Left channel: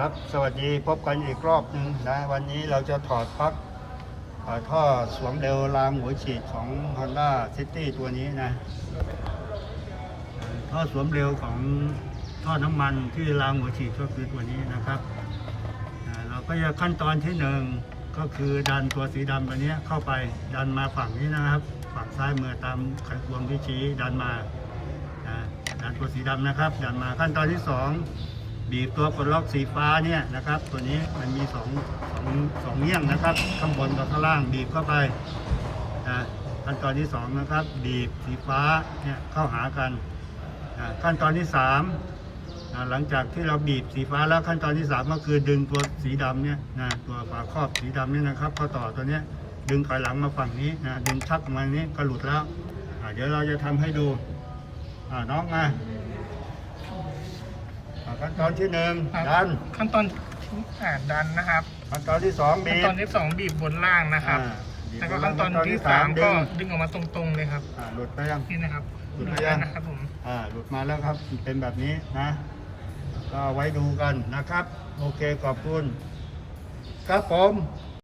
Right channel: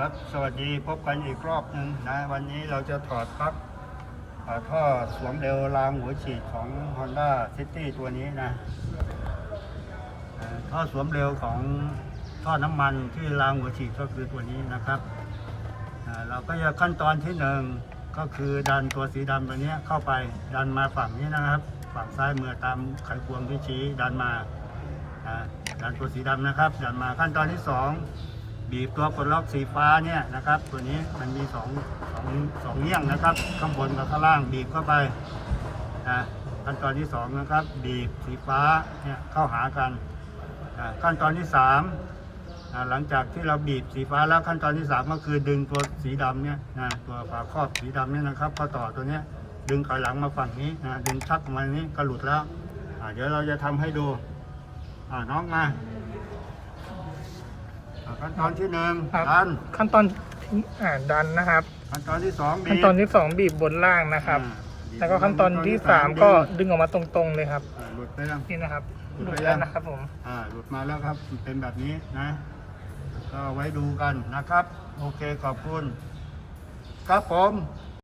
ครับ สวัสดีพบกันอีกรอบหนึ่งนะ วันนี้เราจะถอดปลั๊กท่อท่อสวมเร็วรางหัวฉีดของ Honda City ตัวนี้นะท่อท่อสวมเร็วของท่อน้ำมันที่รางหัวฉีดก็คือตัวนี้นะครับ เราก็จะขั้นตอนที่หนึ่งก็คือดันตัวสีดำตัวนี้เข้าไปดันมาฝั่งนี้นะครับ ฝั่งซ้ายมือตามไขควงที่ชี้ดันมาดันตัวสีดำนะครับ ดันมาขั้นตอนที่สอง บีบตัวปลดล็อกสีฟ้าเนี่ยนะครับ ตัวนี้มันมีสองสองสองเงี้ยงนะครับ ข้างบนกับข้างล่างบีบเข้าไปอ่าขั้นตอนที่สองนะครับ บีบสีฟ้าเนี่ยเข้าหากันอ่าขั้นตอนที่สามอ่าหลังจากที่เราบีบสีฟ้าแล้วขั้นตอนที่สามก็คือดึงตัวสีดำเนี่ยนะตัวฝาครอบสีดำเนี่ยนะครับเข้าต่อตัวเนี้ยดึงถอยหลังมาฝั่งนี้นะดึงชักมานี้ก็หลุดแล้วอ่าเดี๋ยวเราจะทำให้ดูอ่าน้องมา อ่าขั้นตอนที่หนึ่งครับดันขั้นตอนอ่าดันนะครับ ขั้นตอนที่สองขั้นบีบตอนที่สองบีบบนล่างนะครับ อ่าบีบแล้วก็ขั้นตอนที่สามก็ดึงออกมาตรงๆเลยครับ อ่าหลุดไปยัง นี่นะครับหลุดไปดูยังได้นะครับผม อ่าหลุดมาแล้วครับเป็นแบบนี้นะ ก็ไว้ดูกันนะครับ โอเคขอบคุณ ครับผม